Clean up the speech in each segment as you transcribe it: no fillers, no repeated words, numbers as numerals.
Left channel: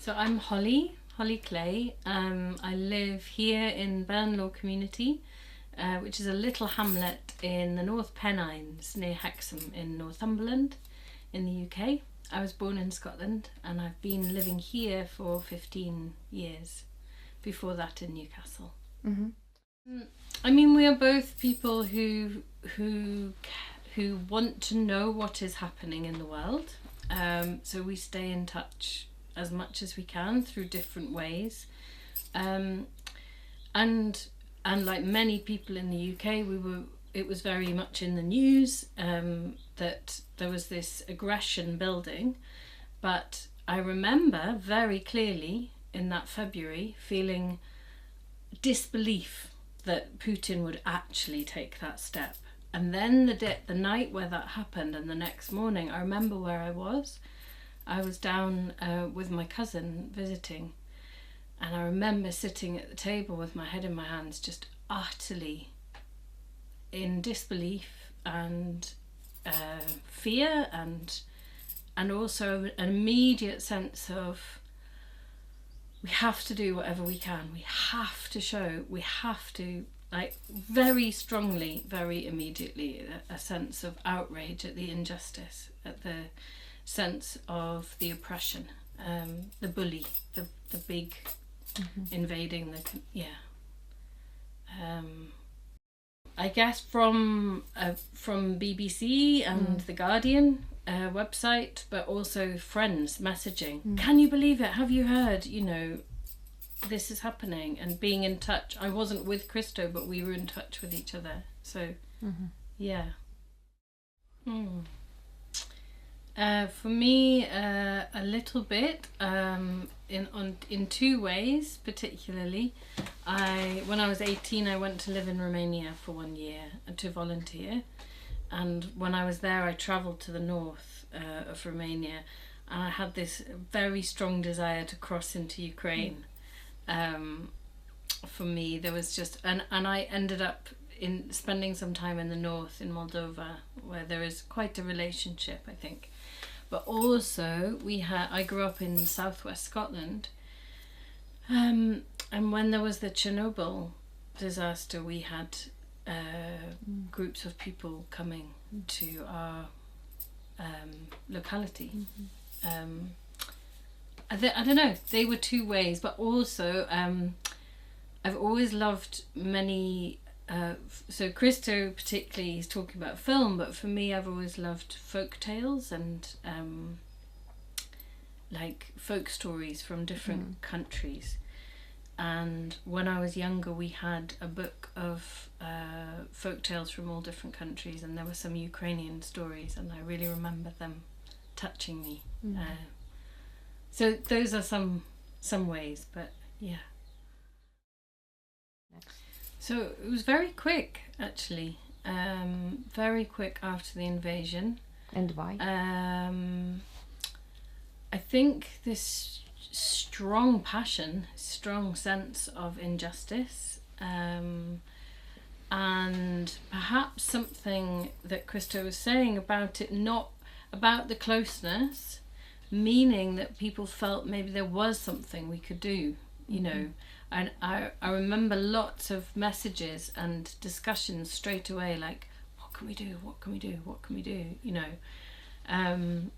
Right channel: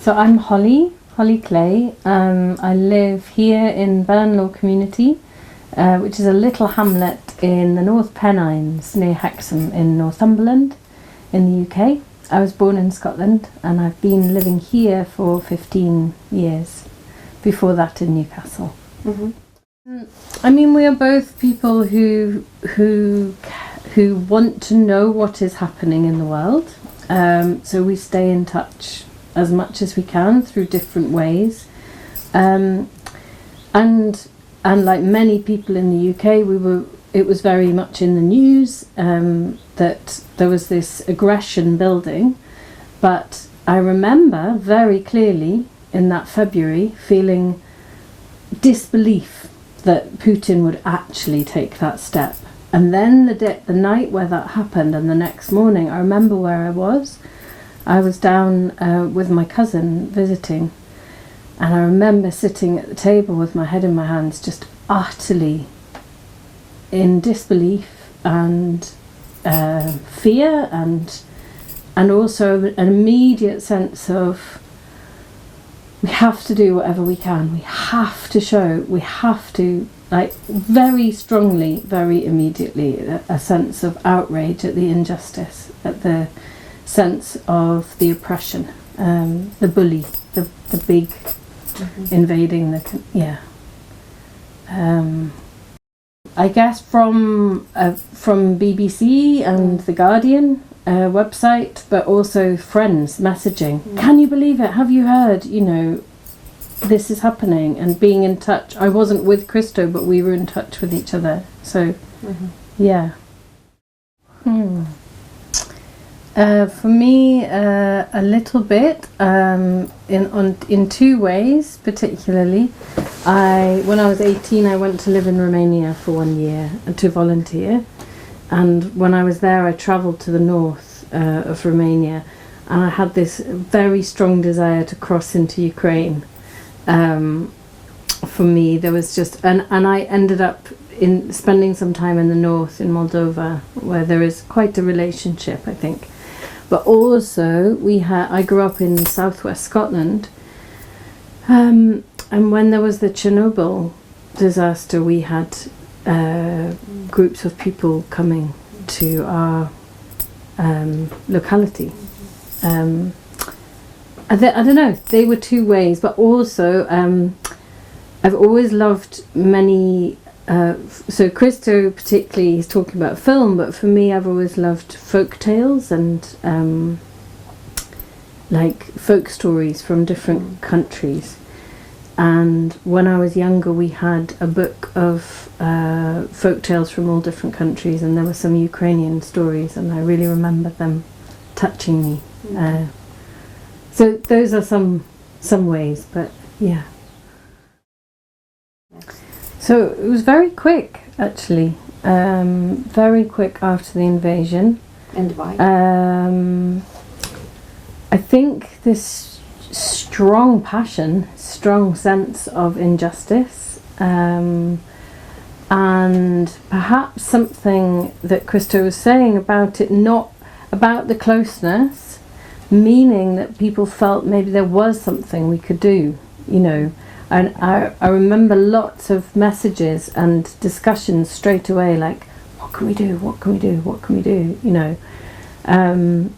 So I'm Holly Clay. I live here in Burnlaw Community, which is a little hamlet in the North Pennines near Hexham in Northumberland in the UK. I was born in Scotland and I've been living here for 15 years, before that in Newcastle. Mm-hmm. I mean, we are both people who want to know what is happening in the world. So we stay in touch as much as we can through different ways. And like many people in the UK, it was very much in the news that there was this aggression building. But I remember very clearly in that February feeling disbelief that Putin would actually take that step. And then the night where that happened and the next morning, I remember where I was. I was down with my cousin visiting, and I remember sitting at the table with my head in my hands, just utterly in disbelief and fear, and also an immediate sense of we have to do whatever we can. We have to, like, very strongly, very immediately, a sense of outrage at the injustice, at the sense of the oppression, the bully, the big invading I guess from BBC and The Guardian website, but also friends messaging. Can you believe it? Have you heard? You know, this is happening, and being in touch. I wasn't with Christo, but we were in touch with each other. So, yeah. For me, a little bit in two ways, particularly. When I was 18, I went to live in Romania for 1 year and to volunteer. And when I was there, I travelled to the north of Romania, and I had this very strong desire to cross into Ukraine. For me, there was just, and I ended up in spending some time in the north in Moldova, where there is quite a relationship, I think. But also, I grew up in southwest Scotland, and when there was the Chernobyl disaster, we had groups of people coming to our locality. I don't know, they were two ways, but also I've always loved many, so Christo particularly, he's talking about film, but for me I've always loved folk tales and like folk stories from different countries. And when I was younger, we had a book of folk tales from all different countries, and there were some Ukrainian stories, and I really remember them touching me. So those are some ways, but yeah. So it was very quick, actually, very quick after the invasion. And why? I think this strong passion, strong sense of injustice, and perhaps something that Christo was saying about it, not about the closeness, meaning that people felt maybe there was something we could do, you know. And I remember lots of messages and discussions straight away, like, what can we do, what can we do, what can we do, you know. And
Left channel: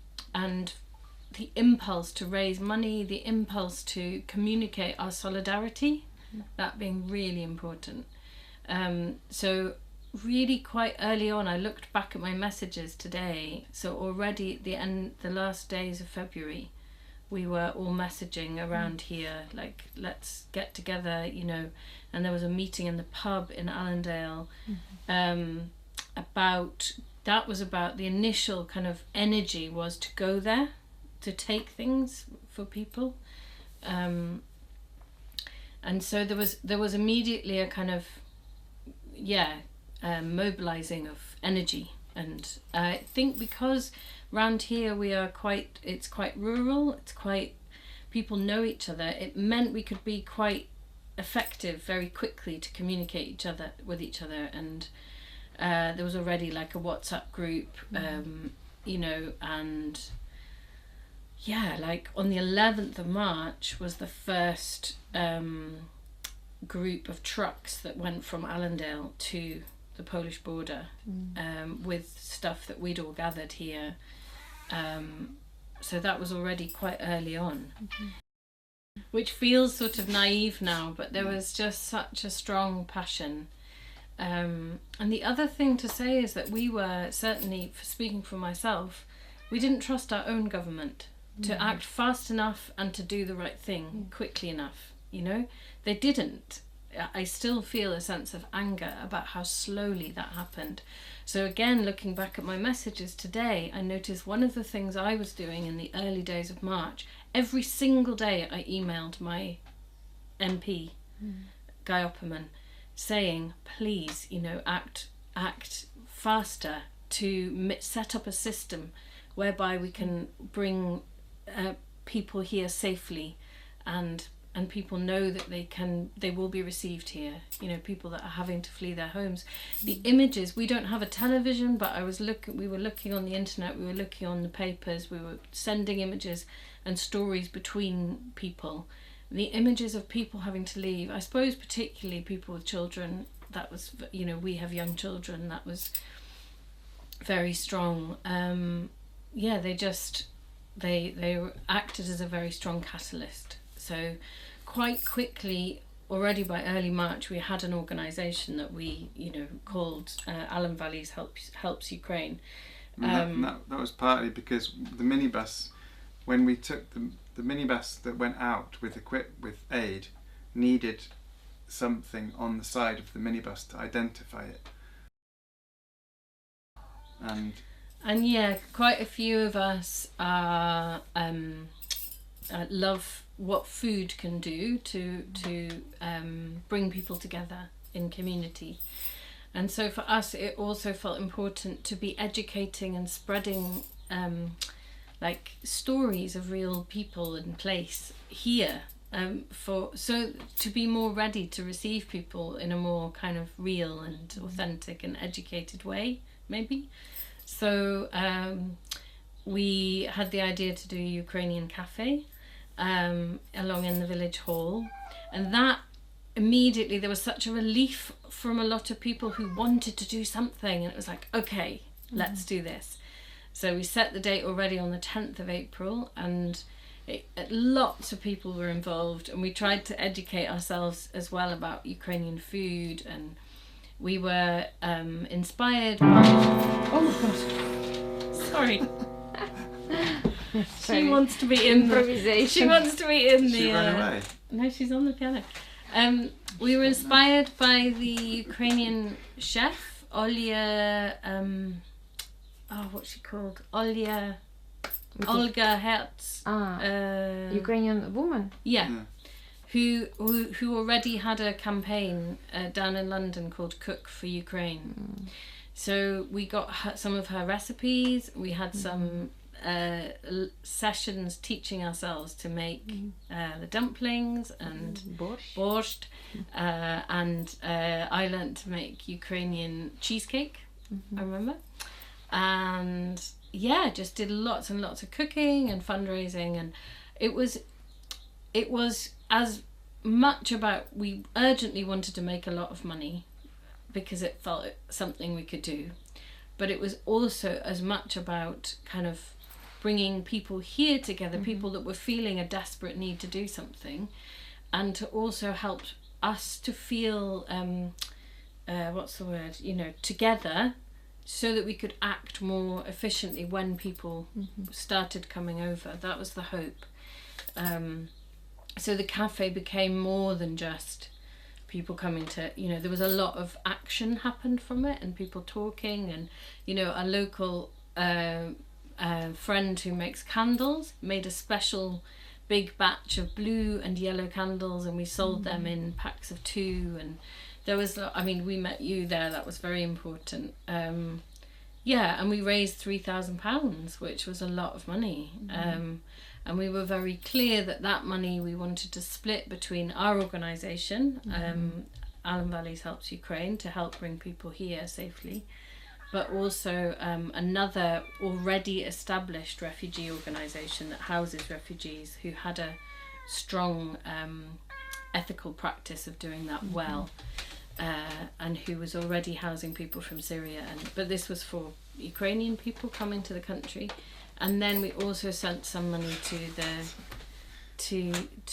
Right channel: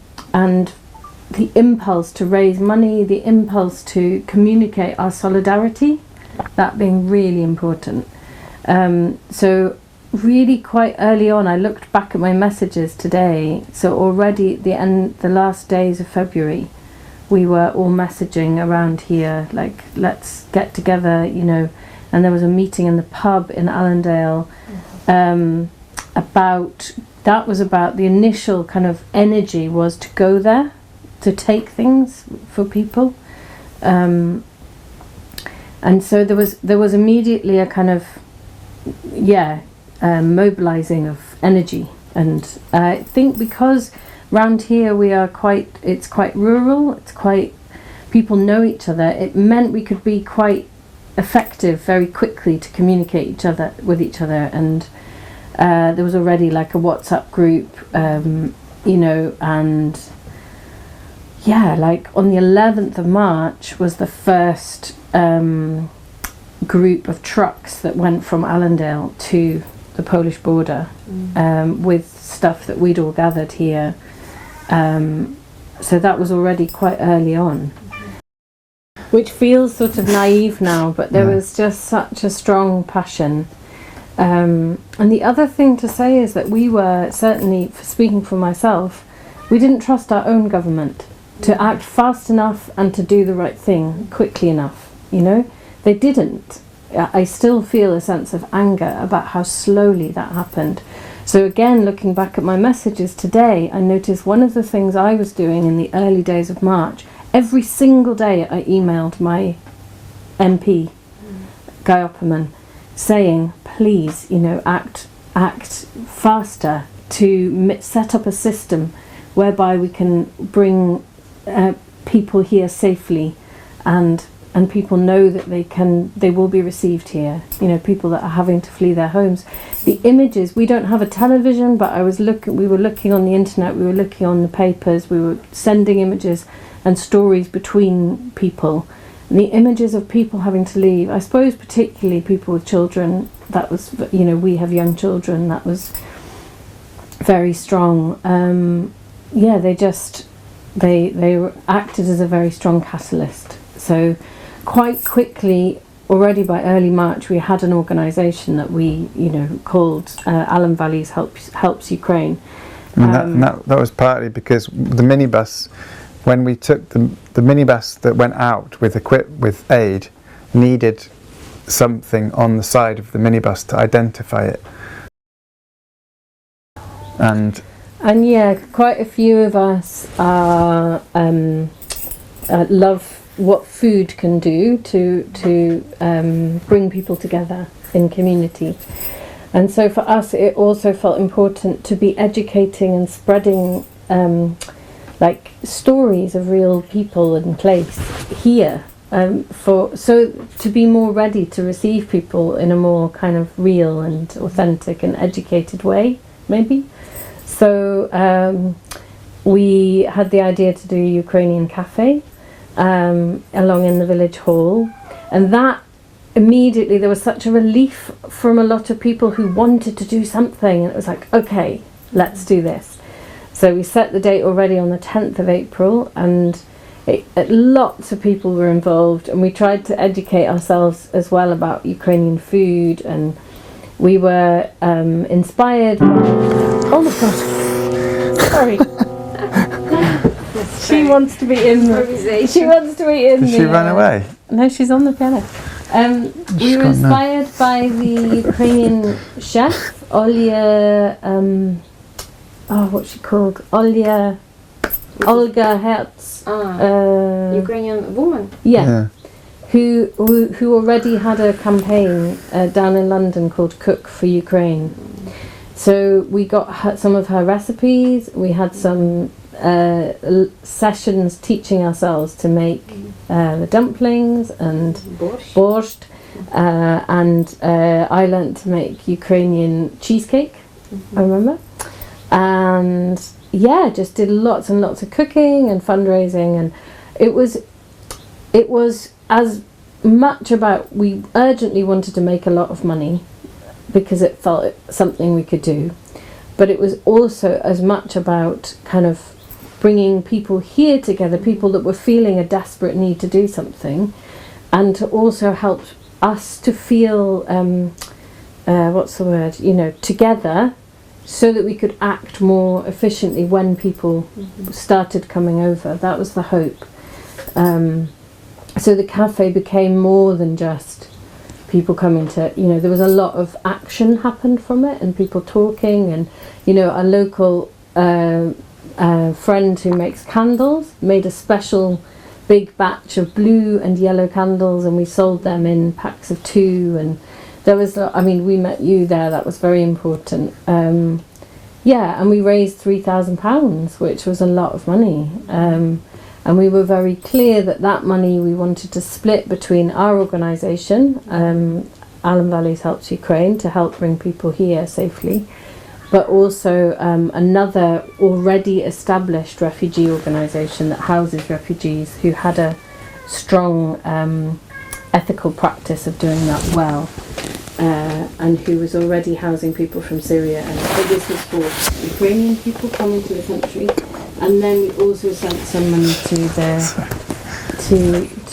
the impulse to raise money, the impulse to communicate our solidarity, that being really important. So really quite early on, I looked back at my messages today, so already at the last days of February, we were all messaging around here, like, let's get together, you know. And there was a meeting in the pub in Allendale about the initial kind of energy was to go there, to take things for people. And so there was immediately a kind of, mobilizing of energy. And I think because round here it's quite rural, people know each other, it meant we could be quite effective very quickly to communicate with each other. And there was already like a WhatsApp group, you know, and yeah, like on the 11th of March was the first group of trucks that went from Allendale to the Polish border with stuff that we'd all gathered here. So that was already quite early on, which feels sort of naive now, but there was just such a strong passion. And the other thing to say is that we were, certainly speaking for myself, we didn't trust our own government to act fast enough and to do the right thing quickly enough, you know? They didn't. I still feel a sense of anger about how slowly that happened. So again, looking back at my messages today, I noticed one of the things I was doing in the early days of March, every single day I emailed my MP, Guy Opperman, saying, please, you know, act faster to set up a system whereby we can bring people here safely, and people know that they will be received here. You know, people that are having to flee their homes. The images, we don't have a television, but we were looking on the internet, we were looking on the papers, we were sending images and stories between people. And the images of people having to leave, I suppose particularly people with children, that was, you know, we have young children, that was very strong. Yeah, they acted as a very strong catalyst. So quite quickly, already by early March, we had an organisation that we, you know, called Allen Valleys Helps Ukraine. And that was partly because the minibus, when we took the minibus that went out with aid, needed something on the side of the minibus to identify it. And yeah, quite a few of us love what food can do to bring people together in community. And so for us, it also felt important to be educating and spreading like stories of real people and place here, so to be more ready to receive people in a more kind of real and authentic and educated way, maybe. So we had the idea to do a Ukrainian cafe along in the village hall, and that immediately there was such a relief from a lot of people who wanted to do something, and it was like, okay, let's do this. So we set the date already on the 10th of April, and lots of people were involved, and we tried to educate ourselves as well about Ukrainian food, and we were inspired by... Oh my god, sorry. She wants to be in the... She wants to be in the... Did she run away? No, she's on the piano. We were inspired by the Ukrainian chef, Olga, what's she called? Olga Herz. Ukrainian woman. Yeah. Who already had a campaign down in London called Cook for Ukraine. So we got some of her recipes. We had some sessions teaching ourselves to make the dumplings and borscht, and I learnt to make Ukrainian cheesecake. I remember, and yeah, just did lots and lots of cooking and fundraising, and it was as much about, we urgently wanted to make a lot of money because it felt something we could do, but it was also as much about kind of bringing people here together, people that were feeling a desperate need to do something, and to also help us to feel together, so that we could act more efficiently when people started coming over. That was the hope. So the cafe became more than just people coming to, there was a lot of action happened from it, and people talking, and a local friend who makes candles made a special big batch of blue and yellow candles, and we sold them in packs of 2, and there was, we met you there, that was very important. And we raised £3,000, which was a lot of money. And we were very clear that money we wanted to split between our organisation, Allen Valleys Helps Ukraine, to help bring people here safely, but also another already established refugee organisation that houses refugees who had a strong ethical practice of doing that well, and who was already housing people from Syria. But this was for Ukrainian people coming to the country, and then we also sent some money to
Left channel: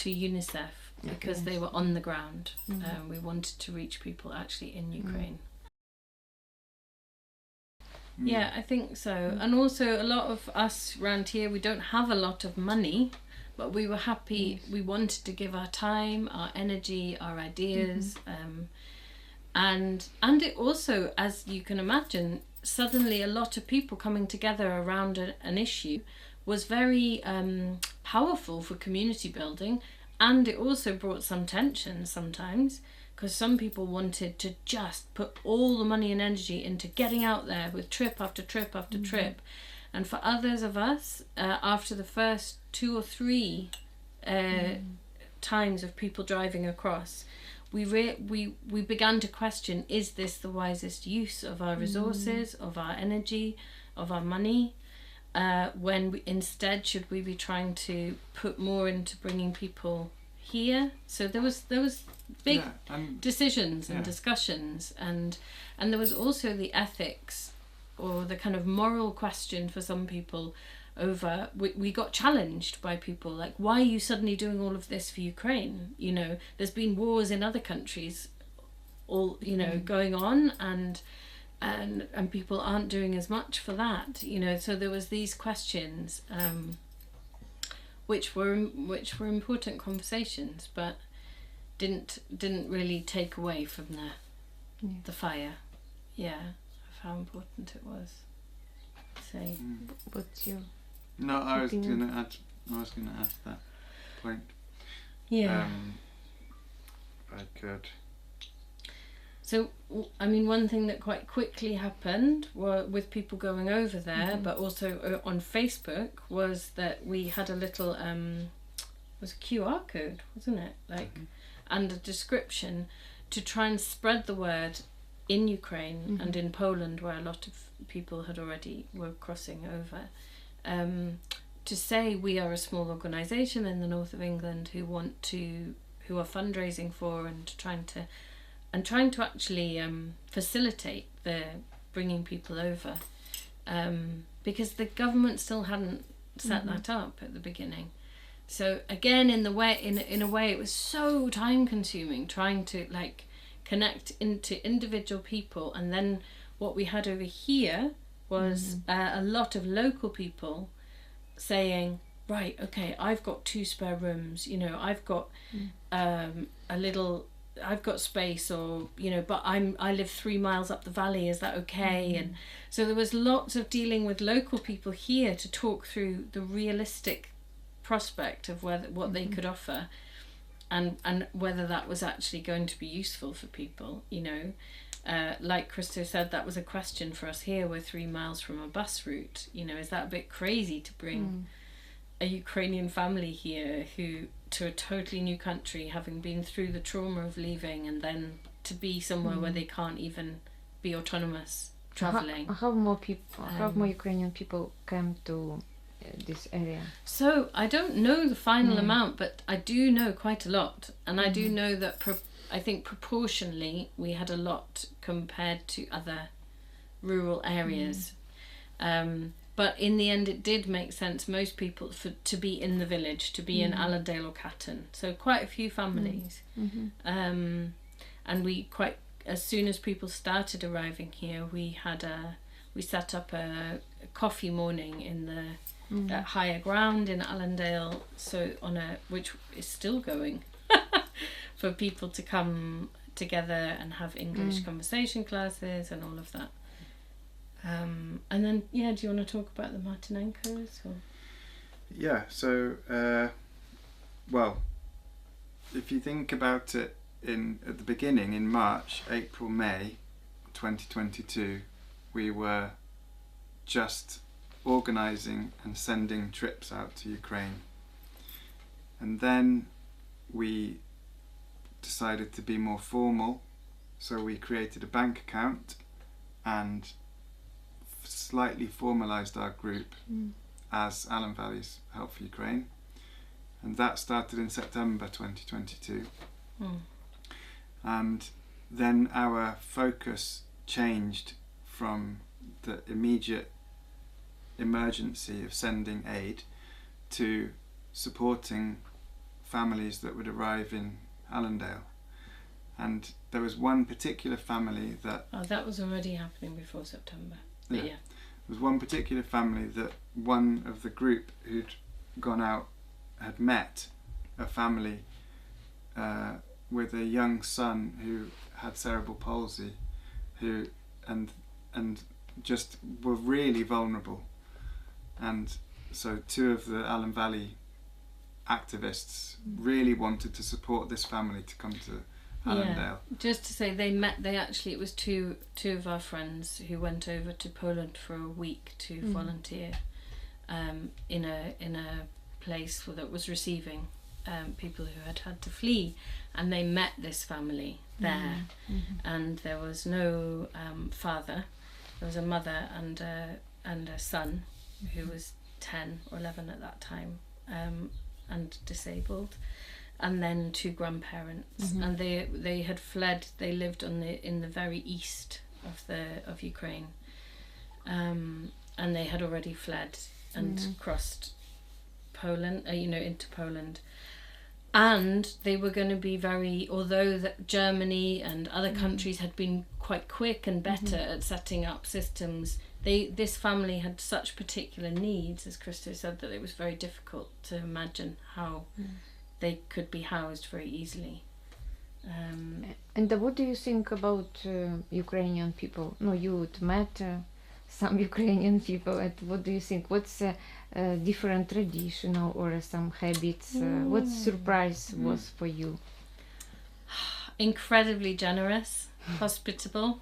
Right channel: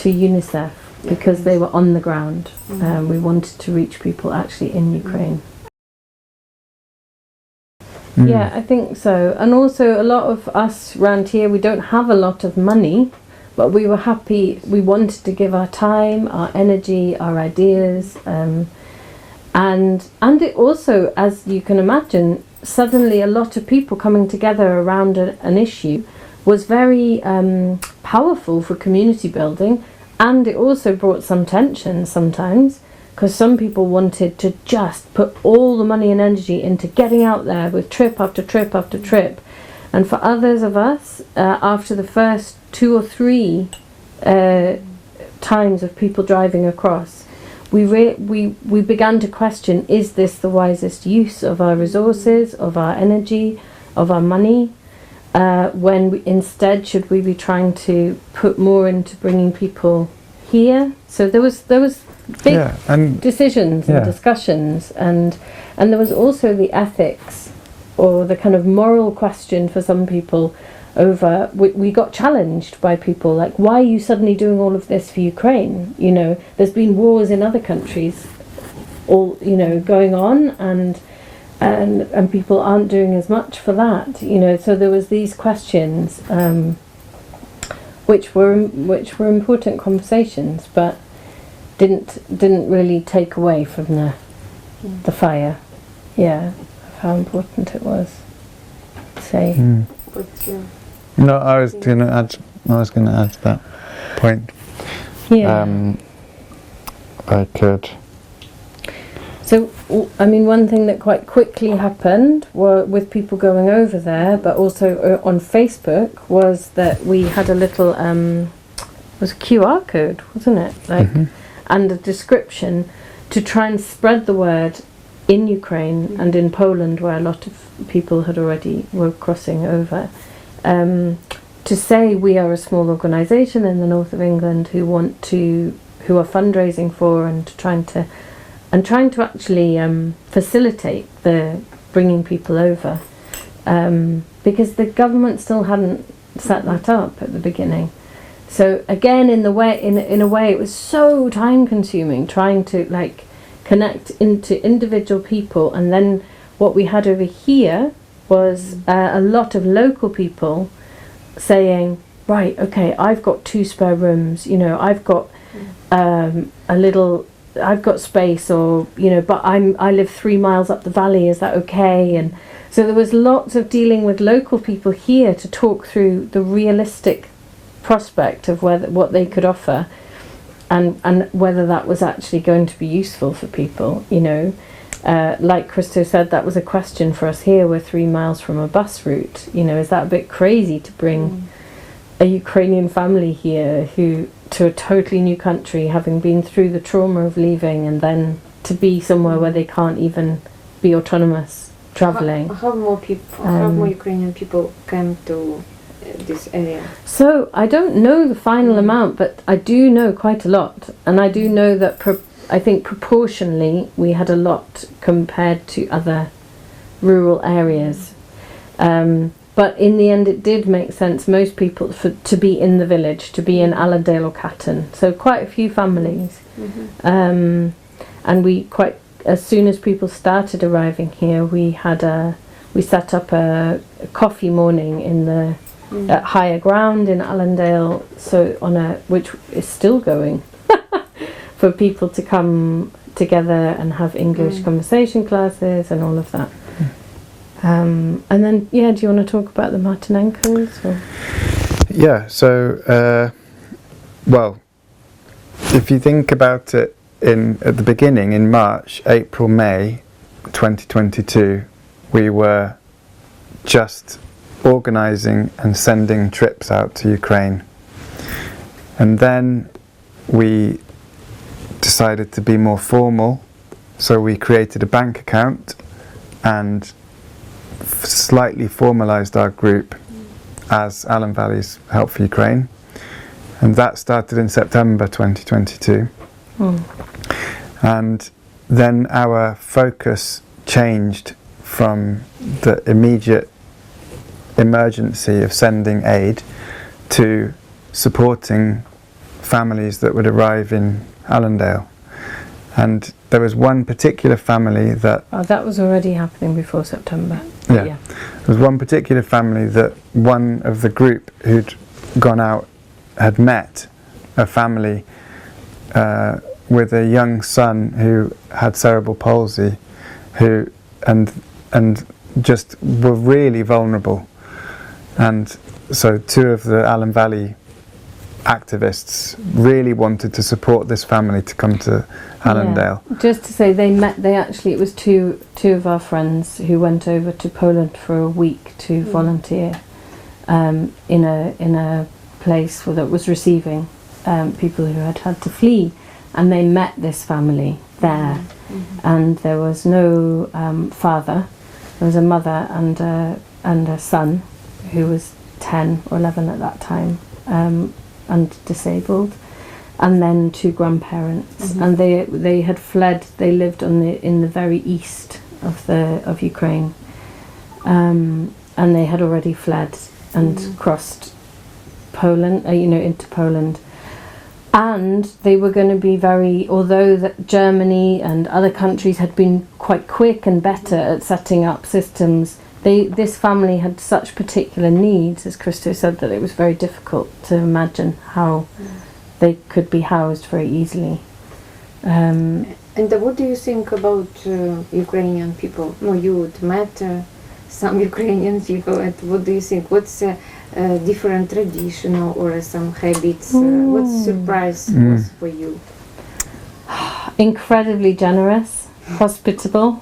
UNICEF because they were on the ground. We wanted to reach people actually in Ukraine. Yeah, I think so. And also a lot of us around here, we don't have a lot of money, but we were happy. We wanted to give our time, our energy, our ideas, and it also, as you can imagine, suddenly a lot of people coming together around an issue was very powerful for community building, and it also brought some tension sometimes, because some people wanted to just put all the money and energy into getting out there with trip after trip after trip. And for others of us, after the first 2 or 3 times of people driving across, we began to question, is this the wisest use of our resources, of our energy, of our money? Instead, should we be trying to put more into bringing people here? So there was big decisions and discussions, and there was also the ethics or the kind of moral question for some people over, we got challenged by people like, why are you suddenly doing all of this for Ukraine? You know, there's been wars in other countries all, you know, going on, and people aren't doing as much for that, you know. So there was these questions, which were important conversations, but didn't really take away from the fire, of how important it was. Say. No, I was going to add to that point. Yeah. I could. So, I mean, one thing that quite quickly happened with people going over there, but also on Facebook, was that we had a little, was a QR code, wasn't it? Like, and a description to try and spread the word in Ukraine and in Poland, where a lot of people were crossing over, to say we are a small organisation in the north of England who are fundraising for and trying to actually facilitate the bringing people over, because the government still hadn't set that up at the beginning. So again, in a way, it was so time consuming trying to like connect into individual people, and then what we had over here was a lot of local people saying, right, okay, I've got 2 spare rooms, you know, I've got I've got space, or, you know, but I live 3 miles up the valley, is that okay? And so there was lots of dealing with local people here to talk through the realistic prospect of what they could offer, and whether that was actually going to be useful for people, you know. Like Christo said, that was a question for us here. We're 3 miles from a bus route, you know, is that a bit crazy to bring a Ukrainian family here to a totally new country, having been through the trauma of leaving, and then to be somewhere where they can't even be autonomous travelling. How more Ukrainian people came to this area? So I don't know the final amount, but I do know quite a lot, and I do know that I think proportionally we had a lot compared to other rural areas. But in the end, it did make sense, most people, to be in the village, to be in Allendale or Catton. So quite a few families. And as soon as people started arriving here, we set up a coffee morning at higher ground in Allendale, which is still going, for people to come together and have English conversation classes and all of that. And then, do you want to talk about the Martinenkos? Or? Yeah, so, well, if you think about it at the beginning, in March, April, May 2022, we were just organising and sending trips out to Ukraine. And then we decided to be more formal, so we created a bank account and slightly formalised our group as Allen Valley's Help for Ukraine, and that started in September 2022. And then our focus changed from the immediate emergency of sending aid to supporting families that would arrive in Allendale. And there was one particular family that... Oh, that was already happening before September. Yeah. There was one particular family that one of the group who'd gone out had met a family with a young son who had cerebral palsy, who and just were really vulnerable. And so two of the Allen Valley activists really wanted to support this family to come to Allendale. Yeah. Just to say, it was two of our friends who went over to Poland for a week to volunteer in a place that was receiving people who had to flee, and they met this family there. And there was no father. There was a mother and a son who was 10 or 11 at that time, and disabled, and then two grandparents. And they had fled. They lived in the very east of Ukraine, and they had already fled and crossed Poland, into Poland. And they were going to be although that Germany and other countries had been quite quick and better at setting up systems, this family had such particular needs, as Christo said, that it was very difficult to imagine how they could be housed very easily. And what do you think about Ukrainian people? No, you met some Ukrainian people, and what do you think? What's different traditional or some habits? What surprise was for you? Incredibly generous, hospitable,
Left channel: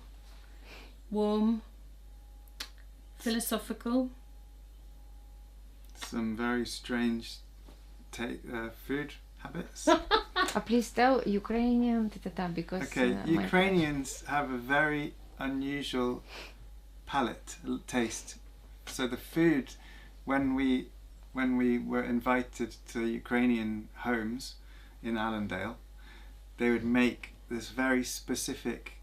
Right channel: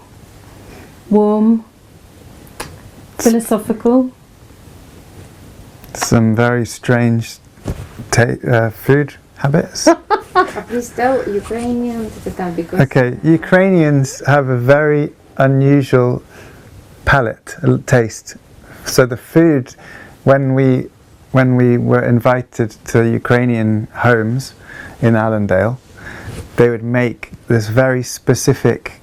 warm, philosophical. Some very strange food habits. Please tell Ukrainian because... Okay, Ukrainians have a very unusual palate, taste. So the food, when we were invited to Ukrainian homes in Allendale, they would make this very specific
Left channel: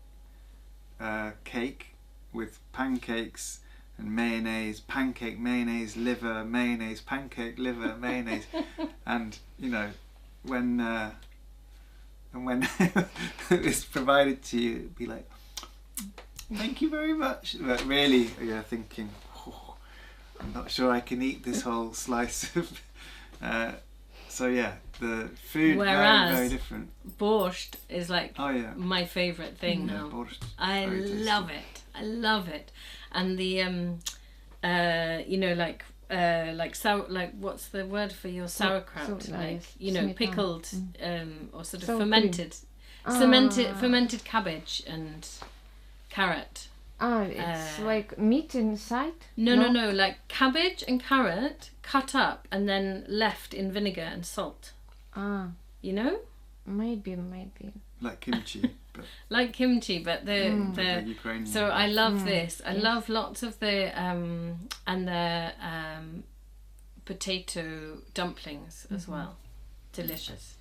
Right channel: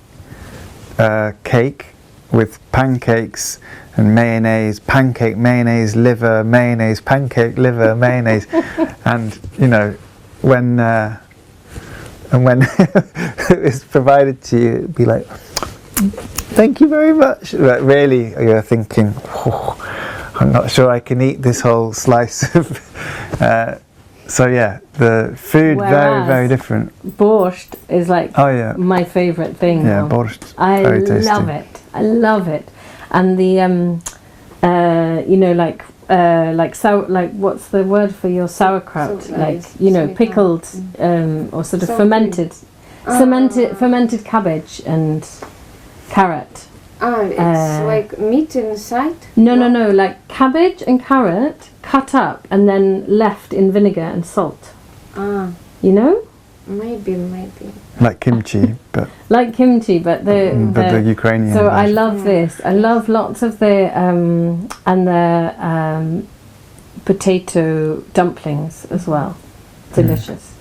cake with pancakes and mayonnaise, pancake, mayonnaise, liver, mayonnaise, pancake, liver, mayonnaise, and when it was provided to you, it'd be like, thank you very much. But really, you're thinking, I'm not sure I can eat this whole slice of. So yeah, the food very, very different. Borscht is like my favourite thing. Yeah, borscht. Very tasty. I love it. And the what's the word for your sauerkraut? So, pickled or sort of fermented cabbage and carrot. It's like meat inside? No, like cabbage and carrot cut up and then left in vinegar and salt. Maybe. Like kimchi, but... Like kimchi, but the Ukrainian So version. I love this. I love lots of the potato dumplings as well. Delicious.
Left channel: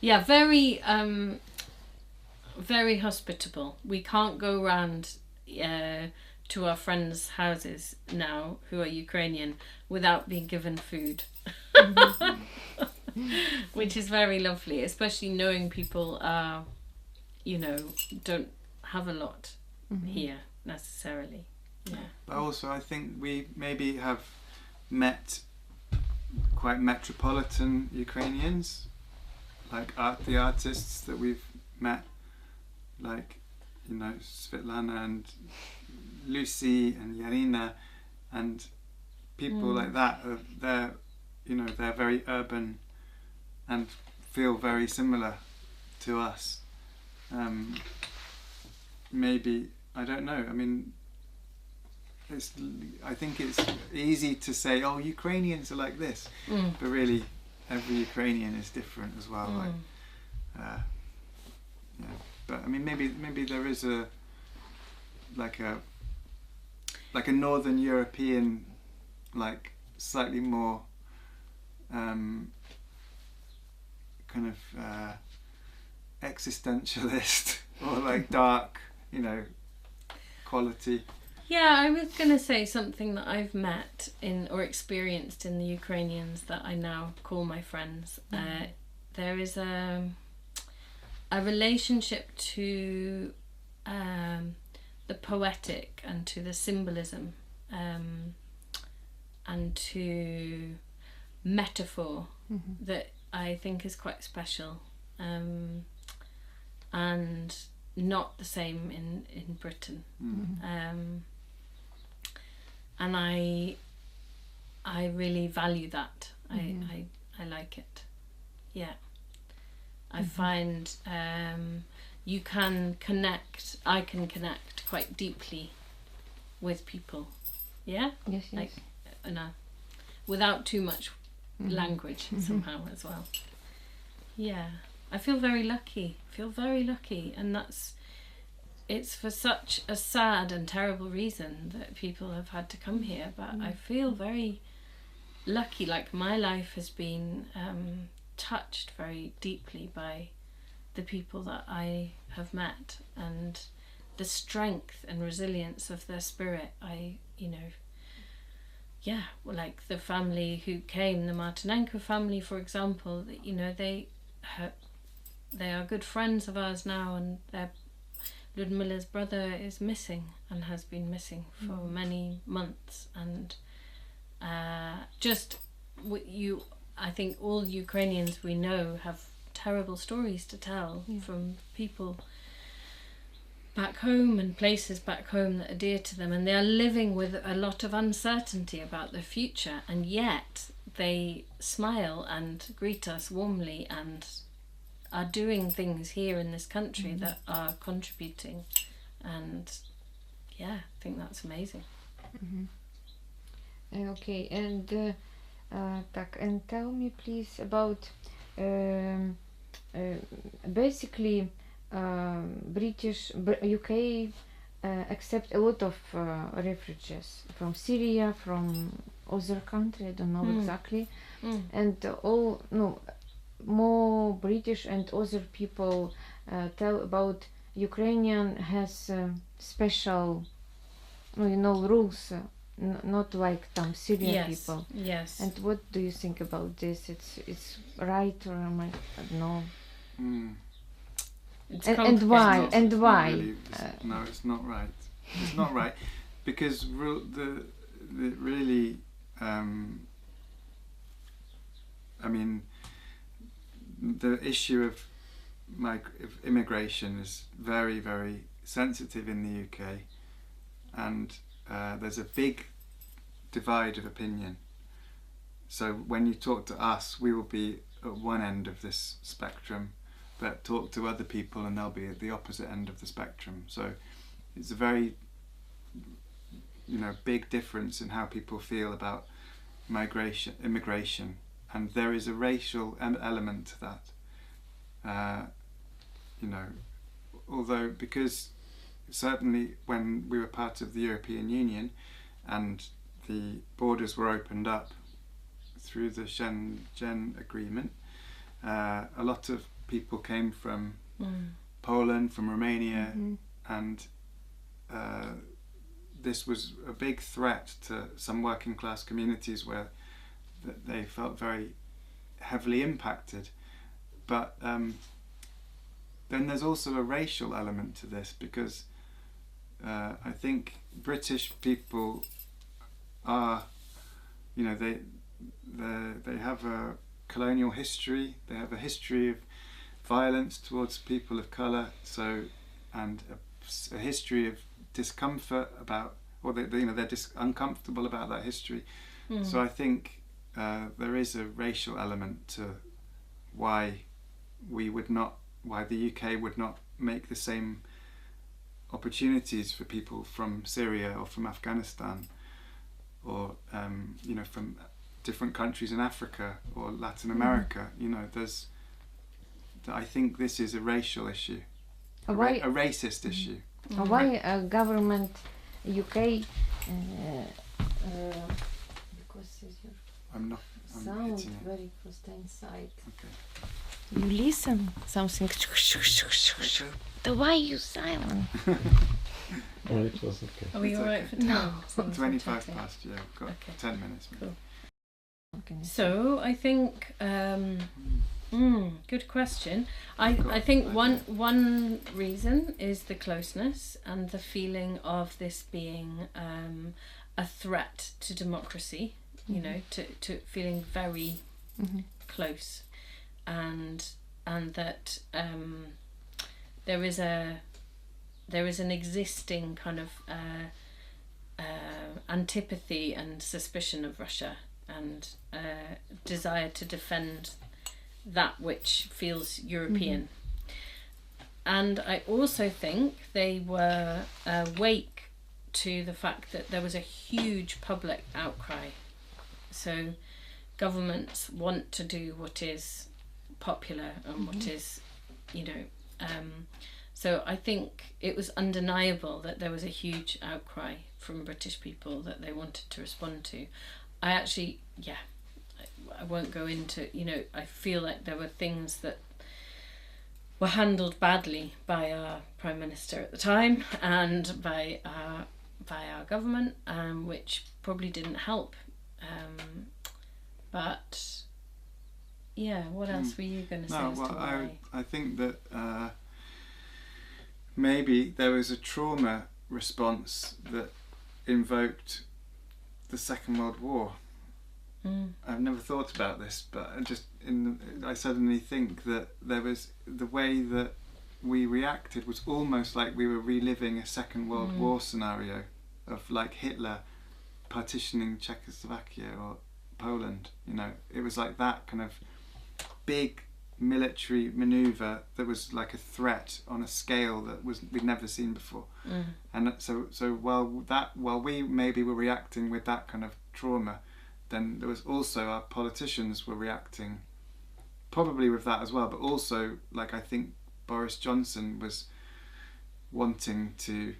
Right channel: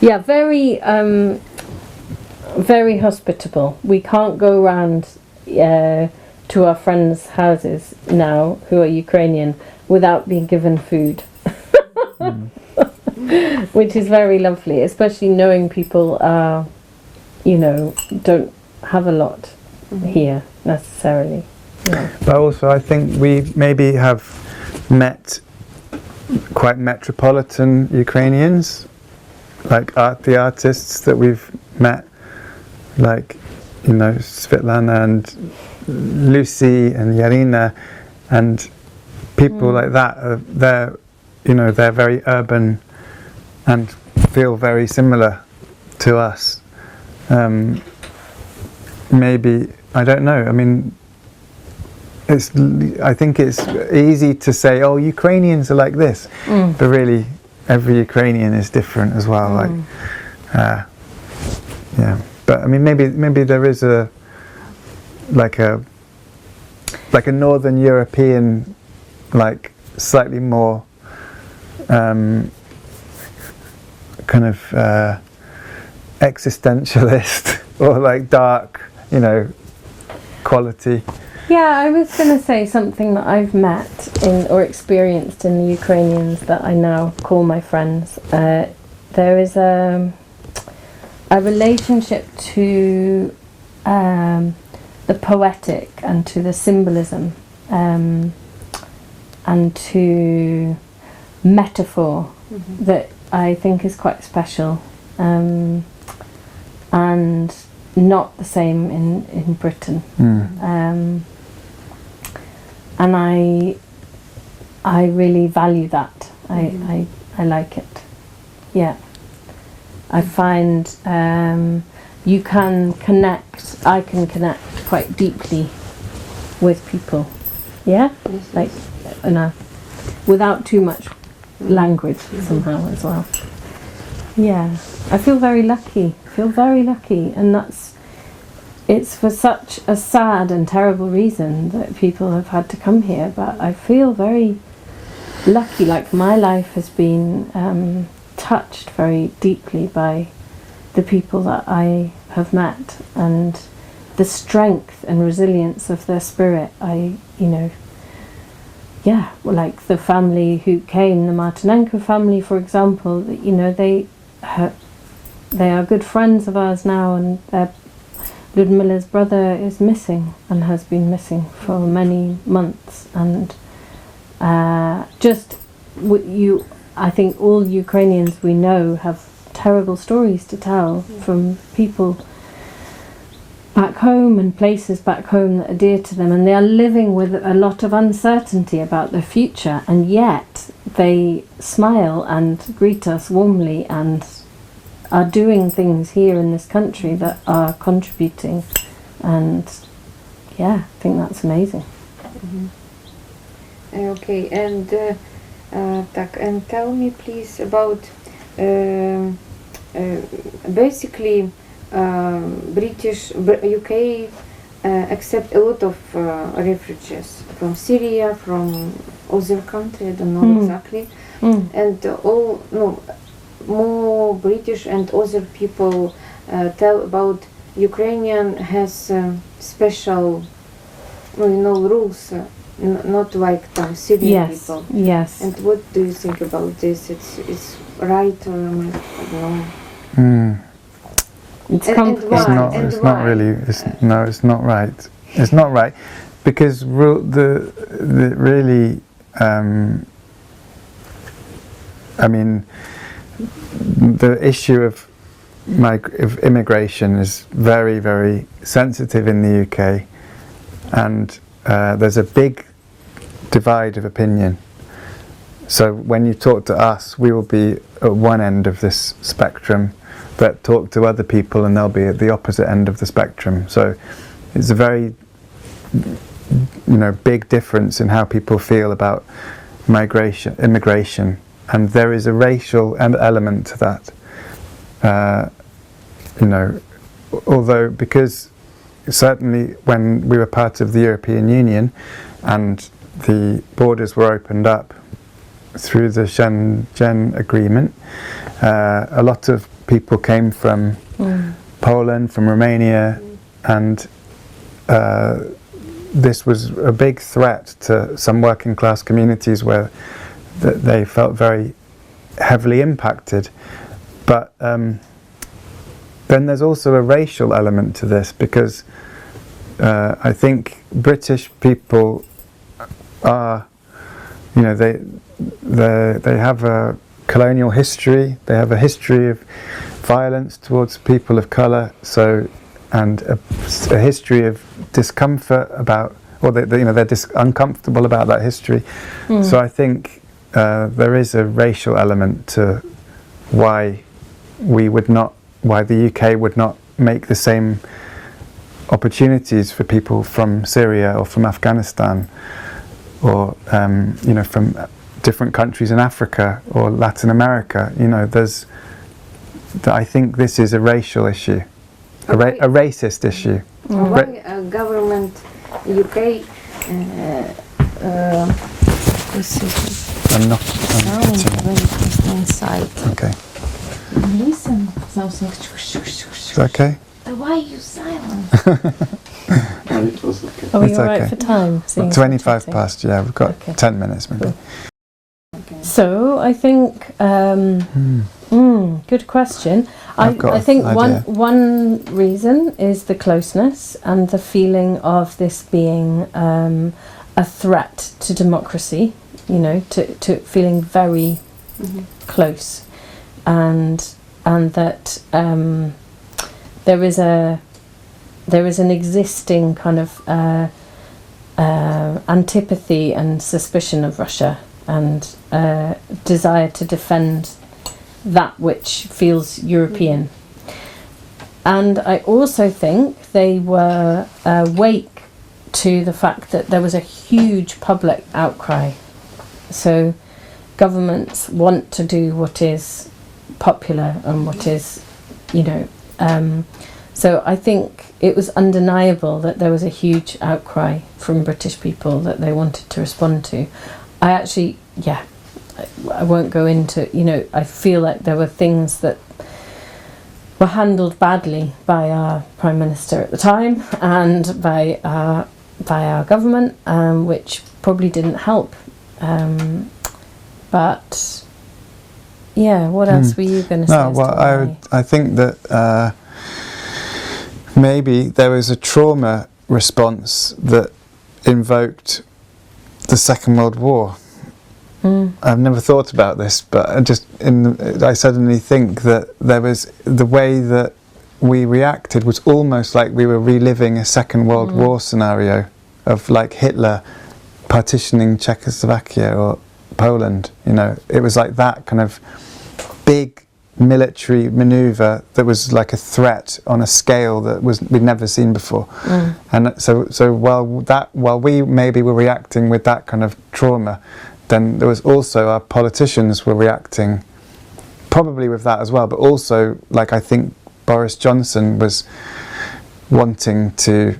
Yeah, very very hospitable. We can't go around to our friends' houses now who are Ukrainian without being given food. Which is very lovely, especially knowing people are, don't have a lot here necessarily. Yeah. But also I think we maybe have met quite metropolitan Ukrainians, like the artists that we've met, like, Svetlana and Lucy and Yarina and people like that. They're very urban and feel very similar to us. Maybe, I don't know, I mean, I think it's easy to say, oh, Ukrainians are like this, but really every Ukrainian is different as well. But I mean, maybe there is a like a Northern European, like slightly more kind of existentialist or like dark, you know, quality. Yeah, I was going to say something that I've met in or experienced in the Ukrainians that I now call my friends. There is a relationship to the poetic and to the symbolism and to metaphor that I think is quite special and not the same in Britain. And I really value that. I like it. Yeah. I find you can connect, I can connect quite deeply with people. Yeah? Like, without too much language somehow as well. Yeah. I feel very lucky. And it's for such a sad and terrible reason that people have had to come here, but I feel very lucky, like my life has been touched very deeply by the people that I have met and the strength and resilience of their spirit. Like the family who came, the Martinenko family, for example, they are good friends of ours now, and Ludmila's brother is missing and has been missing for many months, and I think all Ukrainians we know have terrible stories to tell from people back home and places back home that are dear to them, and they are living with a lot of uncertainty about their future, and yet they smile and greet us warmly and are doing things here in this country that are contributing, and I think that's amazing. Okay, and and tell me please about basically UK accept a lot of refugees from Syria, from other country, I don't know exactly, and more British and other people tell about Ukrainian has special, rules, not like Syrian people. Yes. And what do you think about this? It's right or I don't know. It's and why? It's not really. It's not right. It's not right because the really. The issue of immigration is very, very sensitive in the UK, and there's a big divide of opinion. So when you talk to us, we will be at one end of this spectrum, but talk to other people and they'll be at the opposite end of the spectrum. So it's a very big difference in how people feel about immigration. And there is a racial element to that, although because certainly when we were part of the European Union and the borders were opened up through the Schengen Agreement, a lot of people came from Poland, from Romania, and this was a big threat to some working class communities where they felt very heavily impacted. But then there's also a racial element to this, because I think British people are, they have a colonial history, they have a history of violence towards people of colour, and a history of discomfort about, or they're uncomfortable about that history. So I think there is a racial element to why the UK would not make the same opportunities for people from Syria or from Afghanistan, or from different countries in Africa or Latin America. I think this is a racial issue, a racist issue. Why government UK this is I'm not. sound hitting it. when it goes inside. Okay. Listen, something. Is that okay? Why you silent? And it was okay. Are we It's all right okay. for time? Seeing as 25 we're chatting? past. Yeah, we've got Okay. 10 minutes maybe. Cool. So I think good question. I've got I think an one idea. one reason is the closeness and the feeling of this being a threat to democracy. You know, to feeling very close, and that there is an existing kind of antipathy and suspicion of Russia, and desire to defend that which feels European. And I also think they were awake to the fact that there was a huge public outcry. So governments want to do what is popular and what is, you know, so I think it was undeniable that there was a huge outcry from British people that they wanted to respond to. I actually, I won't go into, you know, I feel like there were things that were handled badly by our Prime Minister at the time and by our government, which probably didn't help. But yeah, what else were you going to say? No, as well, to why? I think that maybe there was a trauma response that invoked the Second World War. I've never thought about this, but I suddenly think that there was the way that we reacted was almost like we were reliving a Second World War scenario of like Hitler partitioning Czechoslovakia or Poland. You know, it was like that kind of big military maneuver that was like a threat on a scale that we'd never seen before. And so while we maybe were reacting with that kind of trauma, then there was also our politicians were reacting probably with that as well, but also like I think Boris Johnson was wanting to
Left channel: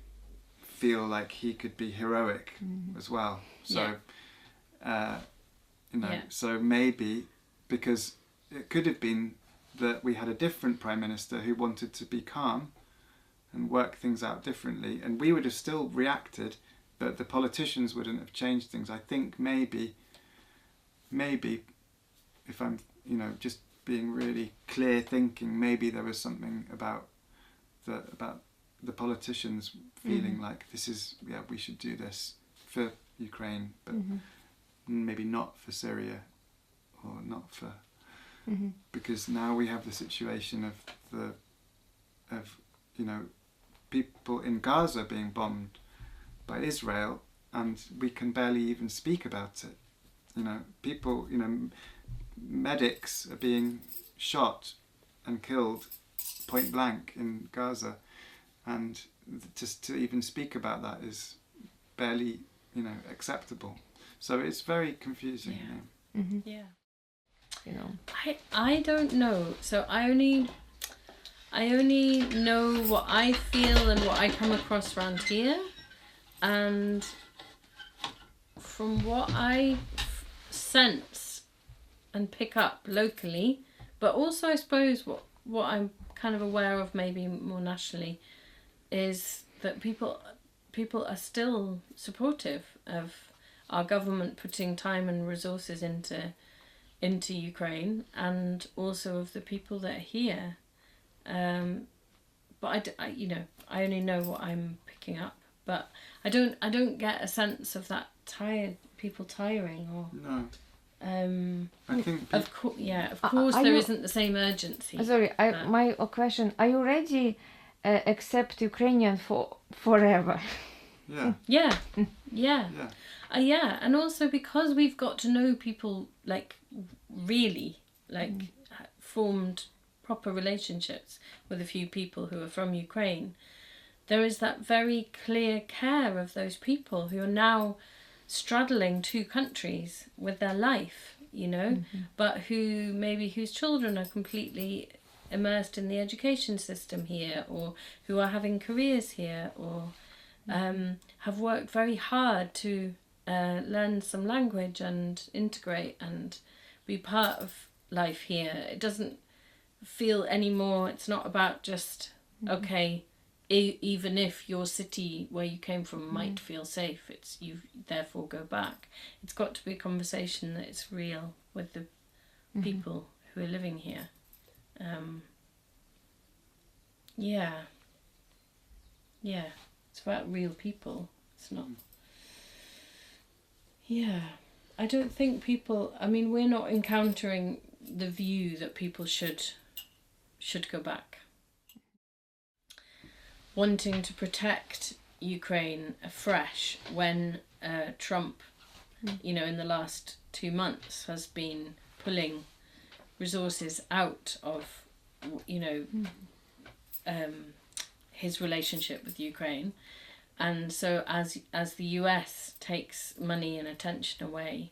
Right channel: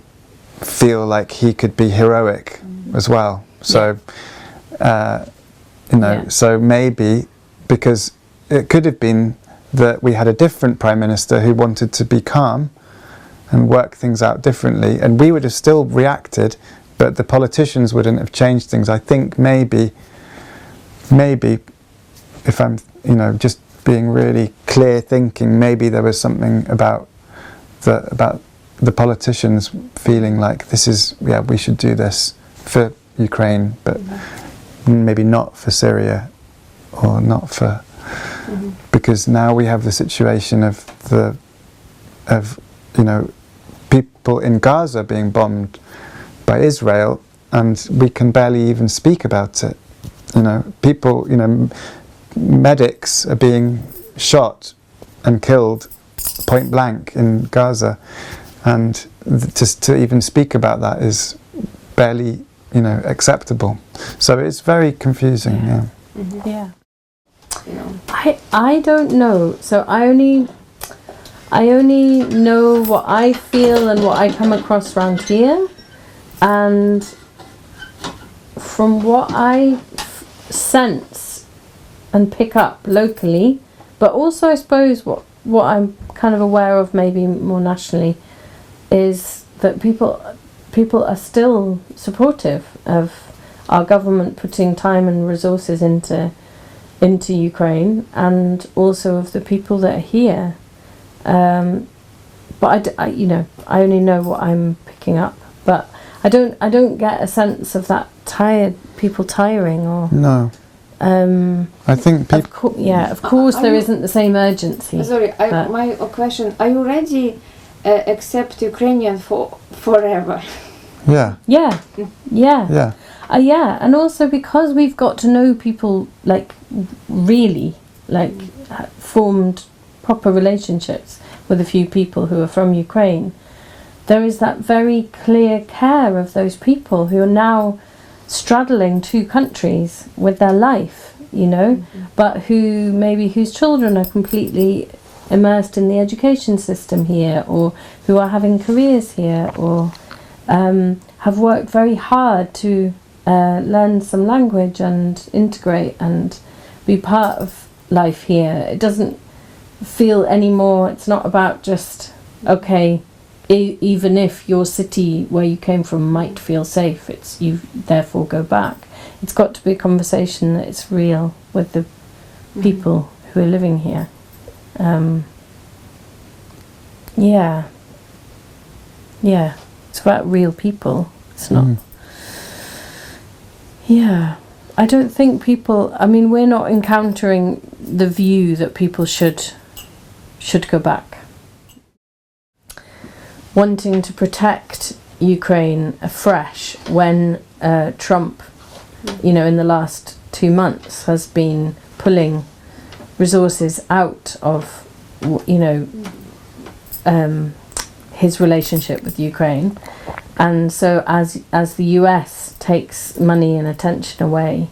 feel like he could be heroic as well. So you know, so maybe because it could have been that we had a different Prime Minister who wanted to be calm and work things out differently, and we would have still reacted, but the politicians wouldn't have changed things. I think maybe if I'm, you know, just being really clear thinking, maybe there was something about the politicians feeling like this is, we should do this for Ukraine, but maybe not for Syria or not for, because now we have the situation of you know, people in Gaza being bombed by Israel, and we can barely even speak about it. You know, people, you know, medics are being shot and killed point blank in Gaza, and just to even speak about that is barely, you know, acceptable. So it's very confusing. Yeah. No. I don't know. So I only know what I feel and what I come across around here, and from what I sense and pick up locally, but also I suppose what I'm kind of aware of maybe more nationally is that people are still supportive of our government putting time and resources into Ukraine, and also of the people that are here. But I you know, I only know what I'm picking up, but I don't get a sense of that people tiring or. No. I think people. Of course, there isn't the same urgency. Sorry, but- my question: are you ready accept Ukrainian for forever? Yeah. Yeah, Yeah. yeah, and also because we've got to know people, like really, like formed proper relationships with a few people who are from Ukraine. There is that very clear care of those people who are now straddling two countries with their life, you know, but whose children are completely immersed in the education system here, or who are having careers here, or have worked very hard to learn some language and integrate and be part of life here. It doesn't feel anymore, it's not about just, okay, even if your city where you came from might feel safe, it's you therefore go back. It's got to be a conversation that it's real with the people who are living here. Yeah, it's about real people. It's not. Yeah, I don't think people. I mean, we're not encountering the view that people should go back. Wanting to protect Ukraine afresh when Trump, in the last 2 months has been pulling resources out of, his relationship with Ukraine. And so as the US takes money and attention away,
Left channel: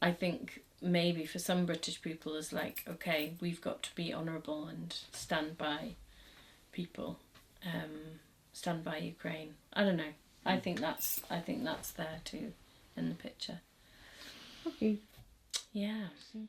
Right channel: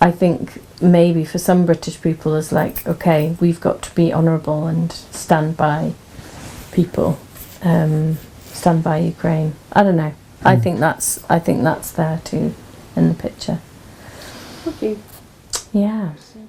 I think maybe for some British people it's like, okay, we've got to be honourable and stand by people, stand by Ukraine. I don't know. I think that's there too in the picture. Okay. Yeah. So